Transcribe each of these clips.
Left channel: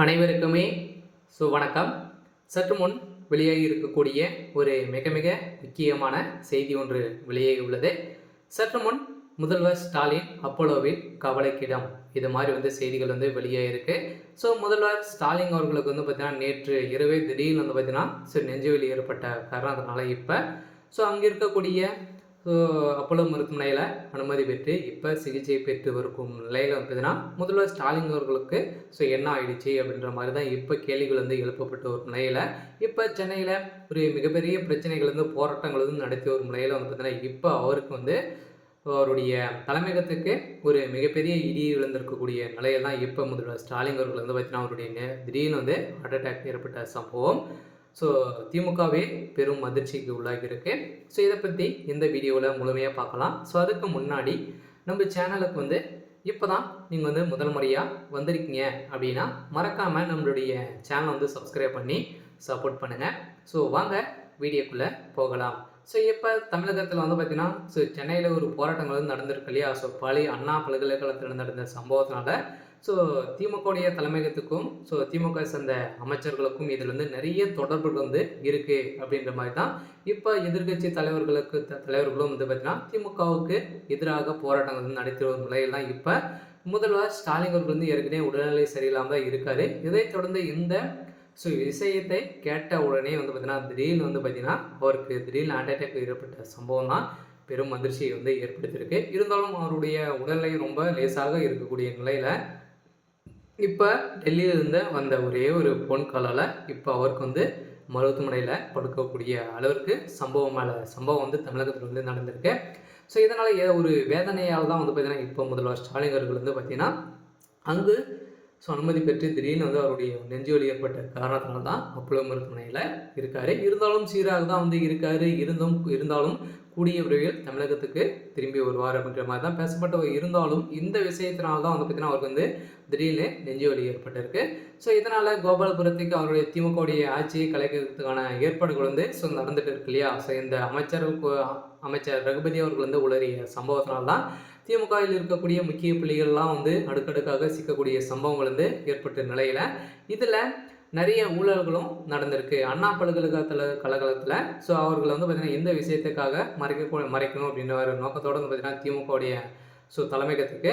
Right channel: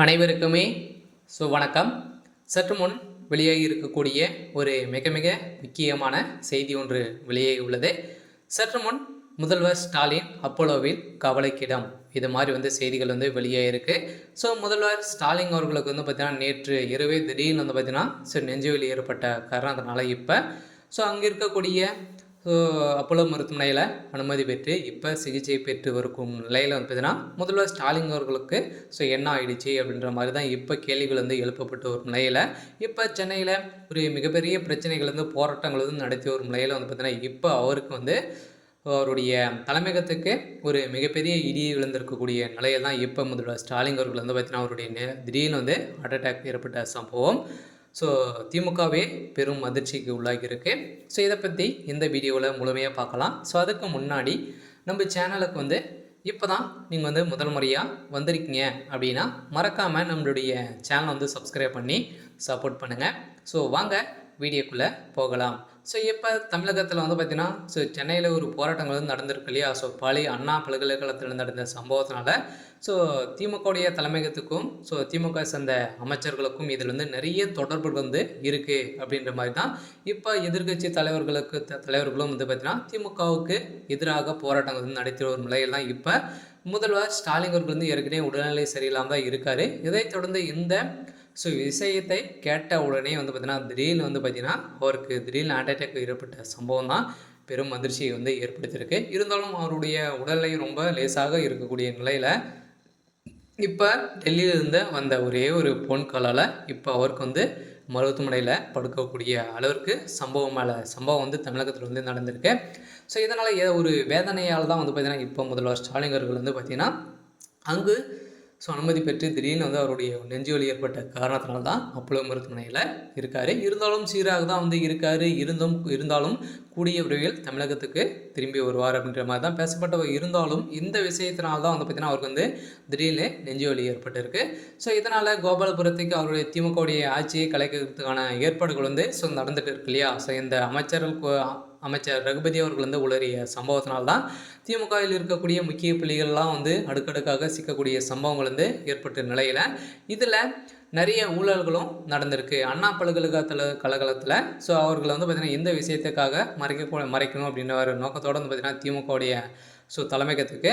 அனைவருக்குமே வணக்கம். சற்று முன் வெளியாகி இருக்கக்கூடிய ஒரு மிக மிக முக்கியமான செய்தி ஒன்று வெளியாகி உள்ளது. சற்று முன் முதல்வர் ஸ்டாலின் அப்போலோவில் கவலைக்கிடம், இது மாதிரி செய்திகள் வெளியாகிருக்கு. முதல்வர் ஸ்டாலின் அவர்களுக்கு பார்த்தீங்கன்னா நேற்று இரவே திடீர்னு பார்த்தீங்கன்னா நெஞ்சுவலி ஏற்பட்ட காரணத்தினால இப்போ அங்கே இருக்கக்கூடிய அப்போலோ மருத்துவமனையில் அனுமதி பெற்று இப்போ சிகிச்சை பெற்று இருக்கும் நிலையில் பார்த்தீங்கன்னா முதல்வர் ஸ்டாலின் அவர்களுக்கு என்ன ஆயிடுச்சு அப்படின்ற மாதிரி தான் இப்போ கேள்விகள் எழுப்பப்பட்டு வரும் நிலையில் இப்போ சென்னையில் ஒரு மிகப்பெரிய பிரச்சனைகள் போராட்டங்கள் நடத்தி வரும் நிலையில் பார்த்தீங்கன்னா இப்போ அவருக்கு அவருடைய தலைமையகத்துக்கு ஒரு மிகப்பெரிய இடி விழுந்திருக்கக்கூடிய நிலையில் தான் இப்போ முதல்வர் ஸ்டாலின் அவர்கள் பார்த்தீங்கன்னா அவருடைய திடீர்னு ஹார்ட் அட்டாக் ஏற்பட்ட சம்பவம் திமுகவே பெரும் அதிர்ச்சிக்கு உள்ளாகியிருக்கு. இதை பற்றி இந்த வீடியோவில் முழுமையாக பார்க்கலாம். அதுக்கு முன்னாடி நம்ம சேனலுக்கு இப்போ தான் நீங்கள் முதல் முறையாக வந்திருக்கீங்க அப்படின்னா மறக்காமல் நம்மளுடைய சேனலை சப்ஸ்கிரைப் பண்ணி சப்போர்ட் பண்ணுங்கள். வாங்க வீடியோக்குள்ளே போகலாம். இப்போ தமிழகத்தில் பார்த்திங்கன்னா சென்னையில் ஒரு போராட்டங்கள் நடந்திருக்கு இல்லையா. பழைய அண்ணா பல்கலைக்கழகத்தில் நடந்த சம்பவத்தினால திமுகவுடைய தலைமையகத்துக்கும் திமுக சேர்ந்த அமைச்சர்களுக்கும் இதில் நிறைய தொடர்புகள் இருக்குது அப்படின்ற மாதிரி தான் இப்போ எதிர்கட்சி தலைவர்களும் பார்த்திங்கன்னா திமுகவுக்கு எதிராக போராட்டங்கள் நடத்தி வரும் நிலையில் தான் இப்போ முதல்வர் ஸ்டாலின் அவர்கள் ஏற்கனவே உடல்நிலை சரியில்லாமல் தான் இருக்கார். இதைத் தொடர்ந்து இந்த விஷயத்தை கேட்ட உடனே பார்த்திங்கன்னா திடீர்னு பார்த்திங்கன்னா அவருக்கு திடீர்னு ஹார்ட் அட்டாக் ஏற்பட்ட சம்பவம் தான் பெரும் அதிர்ச்சியை ஏற்படுத்தியிருக்கு. இருந்தாலும் அவருடைய உடல்நிலை ரொம்ப லேசாக இருக்கக்கூடிய நிலையில் இப்போ டெல்லியிலிருந்து வந்த ஒரே ஒரு ஃபோன் காலால் இப்போ அவருக்கு மருத்துவமனையில் படுக்கக்கூடிய அளவிற்கு சம்பவம் தமிழகத்தில் நடந்திருக்கு. இதனால் ஒரு வேதனையால் தான் பார்த்திங்கன்னா இப்போ முதல்வர் ஸ்டாலின் அவர்கள் பார்த்திங்கன்னா அங்கு அனுமதி பெற்று திடீர்னு அவருடைய நெஞ்சுவலி ஏற்பட்ட காரணத்தினால தான் அப்போலோ மருத்துவமனையில் இருக்கார். இருந்தாலும் சீராக தான் இருக்கார். இருந்தாலும் கூடிய விரைவில் தமிழகத்துக்கு திரும்பி வருவார் அப்படின்ற மாதிரி தான் பேசப்பட்ட இருந்தாலும் இந்த விஷயத்தினால தான் பார்த்திங்கன்னா அவருக்கு திடீர்னு நெஞ்சுவலி ஏற்பட்டிருக்கு. இதனால் கோபாலபுரத்துக்கு அவருடைய திமுகவுடைய ஆட்சியை கலைக்கிறதுக்கான ஏற்பாடுகள் நடந்துட்டு இருக்கு இல்லையா. இந்த அமைச்சர் ரகுபதி அவர்கள் உளறிய சம்பவத்தினால்தான் திமுகவில் இருக்கக்கூடிய முக்கிய புள்ளிகள்லாம் அடுக்கடுக்காக சிக்கக்கூடிய சம்பவங்கள் ஏற்பட்ட நிலையில் இதில் நிறைய ஊழல்களும் நடந்திருக்கு அண்ணா பல்கலைக்கழகத்தில். அவர்கள் பார்த்திங்கன்னா இந்த விஷயத்துக்காக மறைக்கணும் அப்படின்ற ஒரு நோக்கத்தோடு பார்த்திங்கன்னா திமுகவுடைய தலைமையகத்துக்கு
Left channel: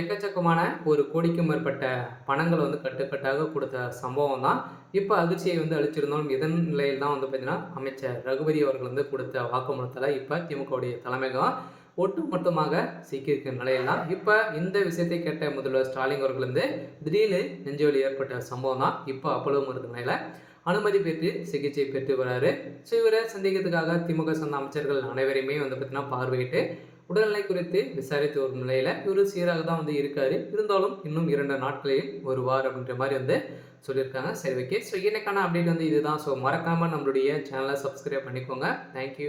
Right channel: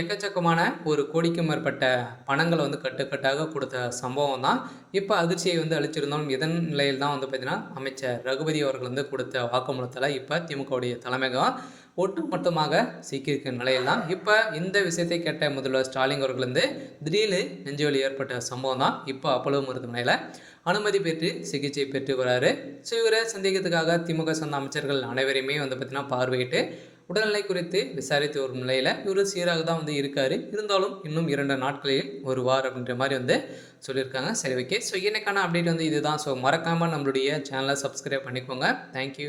எக்கச்சக்கமான ஒரு கோடிக்கும் மேற்பட்ட பணங்கள் கட்டுக்கட்டாக கொடுத்த சம்பவம் தான் இப்போ அதிர்ச்சியை அளிச்சிருந்தாலும் இதன் நிலையில் தான் பார்த்திங்கன்னா அமைச்சர் ரகுபதி அவர்கள் கொடுத்த வாக்குமூலத்தில் இப்போ திமுகவுடைய தலைமையகம் ஒட்டுமொத்தமாக சிக்கியிருக்க நிலையில் தான் இப்போ இந்த விஷயத்தை கேட்ட முதல்வர் ஸ்டாலின் அவர்கள் திடீர்னு நெஞ்சுவலி ஏற்பட்ட சம்பவம் தான் இப்போ அப்போலோ மருத்துவமனையில் அனுமதி பெற்று சிகிச்சை பெற்று வராரு. இவரை சந்தேகத்துக்காக திமுக சொன்ன அமைச்சர்கள் அனைவரையுமே பார்த்திங்கன்னா பார்வையிட்டு உடல்நிலை குறித்து விசாரித்து வரும் நிலையில் இவர் சீராக தான் இருக்கார். இருந்தாலும் இன்னும் 2 நாட்களில் வருவார் அப்படின்ற மாதிரி சொல்லியிருக்காங்க. சரி, ஓகே. இன்னைக்கான அப்டேட் இதுதான். மறக்காமல் நம்மளுடைய சேனலை சப்ஸ்கிரைப் பண்ணிக்கோங்க. தேங்க்யூ.